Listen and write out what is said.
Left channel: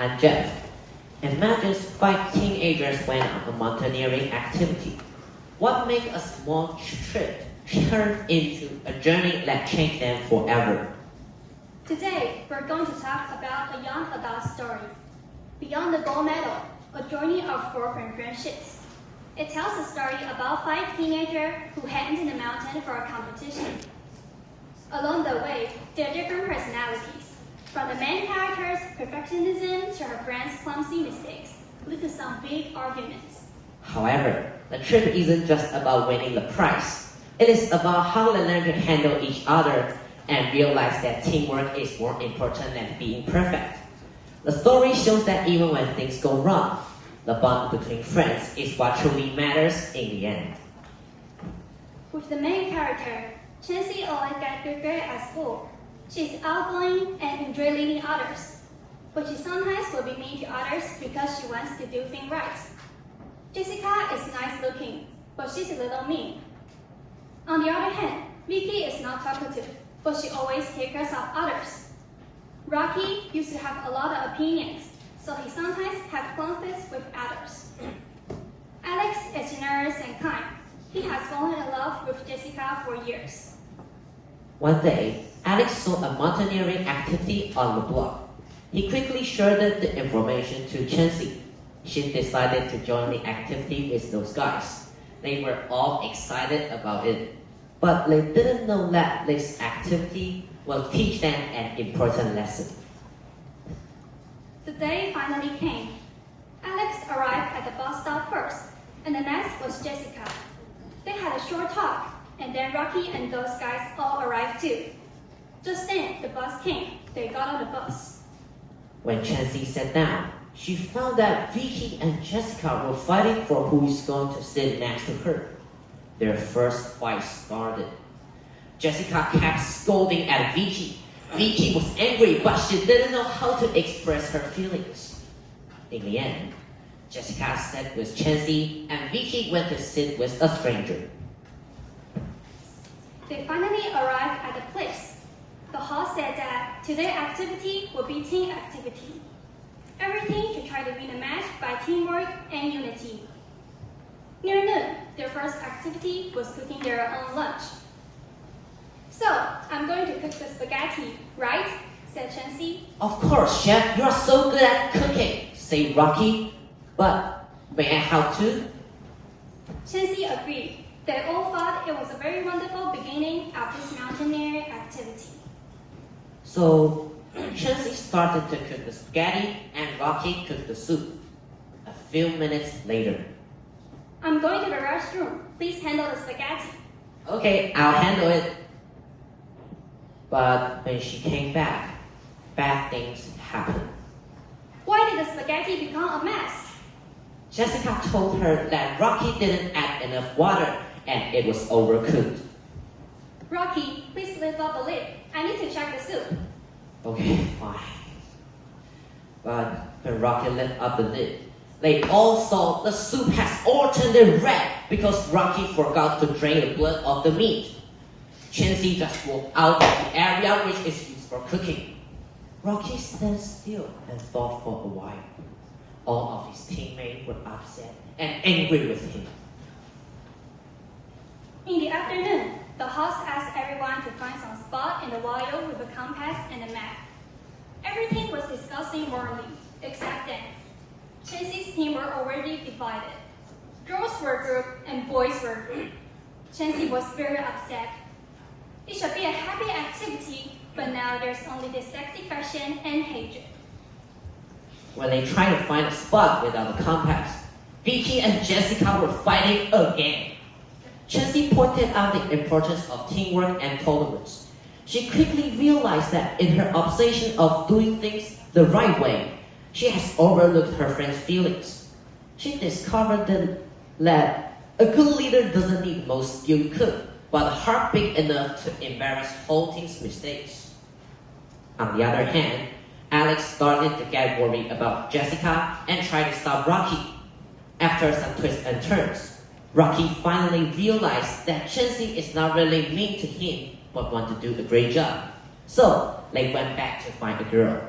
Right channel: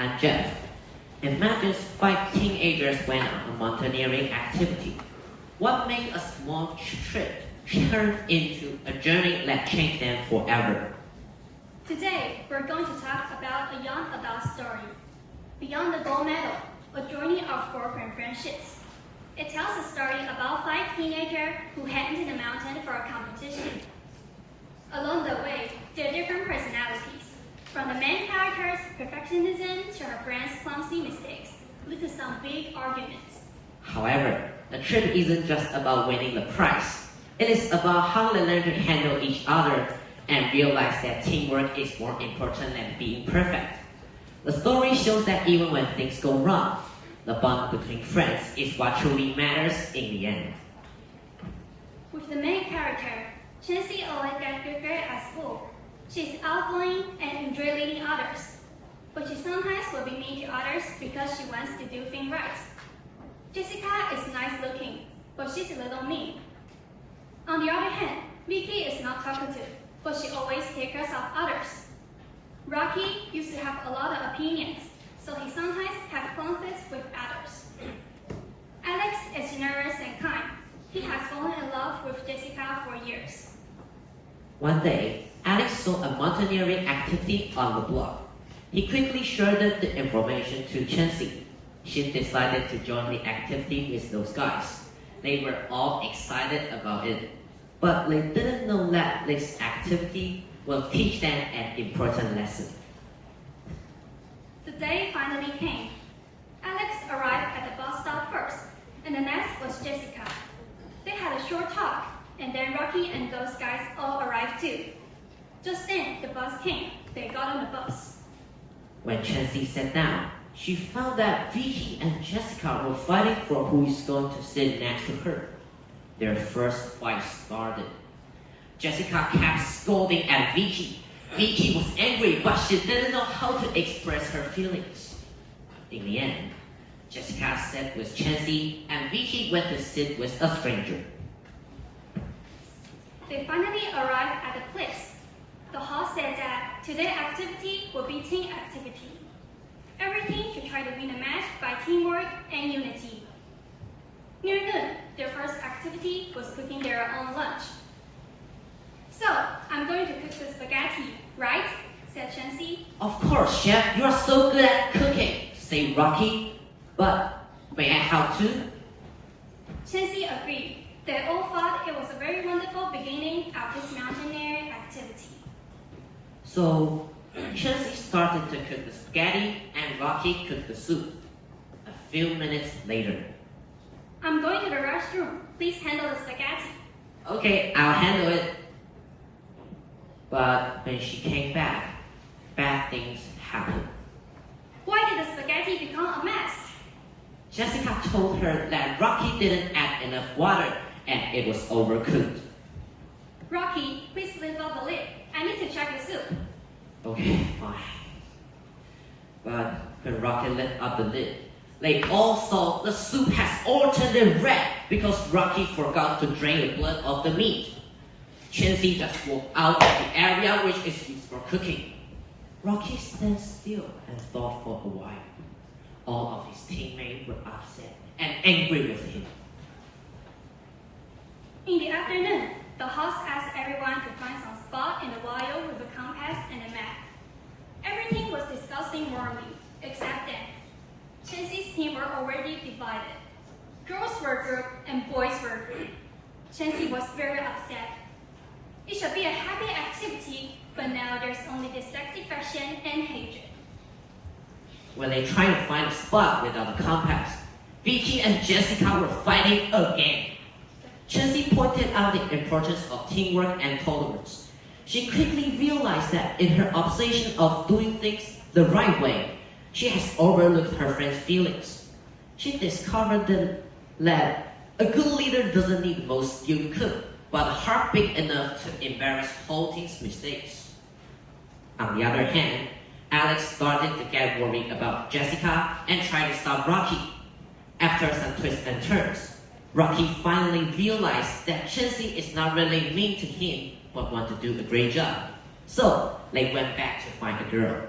I'm Jeff. Imagine 5 teenagers went on a mountaineering activity. What makes a small trip turn into a journey that changed them forever? Today, we're going to talk about a young adult story. Beyond the gold medal, a journey of girlfriend friendships. It tells a story about 5 teenagers who head into the mountain for a competition. Along the way, there are different personalities. From the main character's perfectionism to her friend's clumsy mistakes, lead to some big arguments. However, the trip isn't just about winning the prize. It is about how they learn to handle each other and realize that teamwork is more important than being perfect. The story shows that even when things go wrong, the bond between friends is what truly matters in the end. With the main character, Jenny always gets prepared at school. She's outgoing and enjoys leading others, but she sometimes will be mean to others because she wants to do things right. Jessica is nice looking, but she's a little mean. On the other hand, Vicky is not talkative, but she always takes care of others. Rocky used to have a lot of opinions, so he sometimes has conflicts with others. Alex is generous and kind. He has fallen in love with Jessica for years. One day, Alex saw a mountaineering activity on the blog. He quickly shared the information to Chancy. She decided to join the activity with those guys. They were all excited about it, but they didn't know that this activity will teach them an important lesson. The day finally came. Alex arrived at the bus stop first, and the next was Jessica. They had a short talk, and then Rocky and those guys all arrived too. Just then, the bus came. They got on the bus. When Chancy sat down, she found that Vicky and Jessica were fighting for who is going to sit next to her. Their first fight started. Jessica kept scolding at Vicky. Vicky was angry, but she didn't know how to express her feelings. In the end, Jessica sat with Chancy, and Vicky went to sit with a stranger. They finally arrived at the place. The host said that today's activity will be team activity. Everything to try to win the match by teamwork and unity. Near noon, their first activity was cooking their own lunch. So, I'm going to cook the spaghetti, right? Said Chancy. Of course, Chef, you're so good at cooking, said Rocky. But may I help too? Chancy agreed. They all thought it was a very wonderful beginning of this mountaineering activity. So, Chancy started to cook the spaghetti and Rocky cooked the soup. A few minutes later. I'm going to the restroom. Please handle the spaghetti. Okay, I'll handle it. But when she came back, bad things happened. Why did the spaghetti become a mess? Jessica told her that Rocky didn't add enough water and it was overcooked. Rocky, please lift up the lid. I need to check the soup. Okay, fine. But when Rocky lifted up the lid, they all saw the soup has all turned red because Rocky forgot to drain the blood of the meat. Chancy just walked out of the area which is used for cooking. Rocky stood still and thought for a while. All of his teammates were upset and angry with him. In the afternoon, the host asked everyone to find some spot in the wire with a compass and a map. Everything was discussing warmly, except them. Chancy's team were already divided. Girls were grouped and boys were grouped. Chancy was very upset. It should be a happy activity, but now there's only dissatisfaction and hatred. When they tried to find a spot without a compass, Vicky and Jessica were fighting again. Chancy pointed out the importance of teamwork and tolerance. She quickly realized that in her obsession of doing things the right way, she has overlooked her friend's feelings. She discovered that a good leader doesn't need the most skilled cook, but a heart big enough to embarrass whole team's mistakes. On the other hand, Alex started to get worried about Jessica and tried to stop Rocky. After some twists and turns, Rocky finally realized that Chancy is not really mean to him, but want to do a great job. So they went back to find the girl.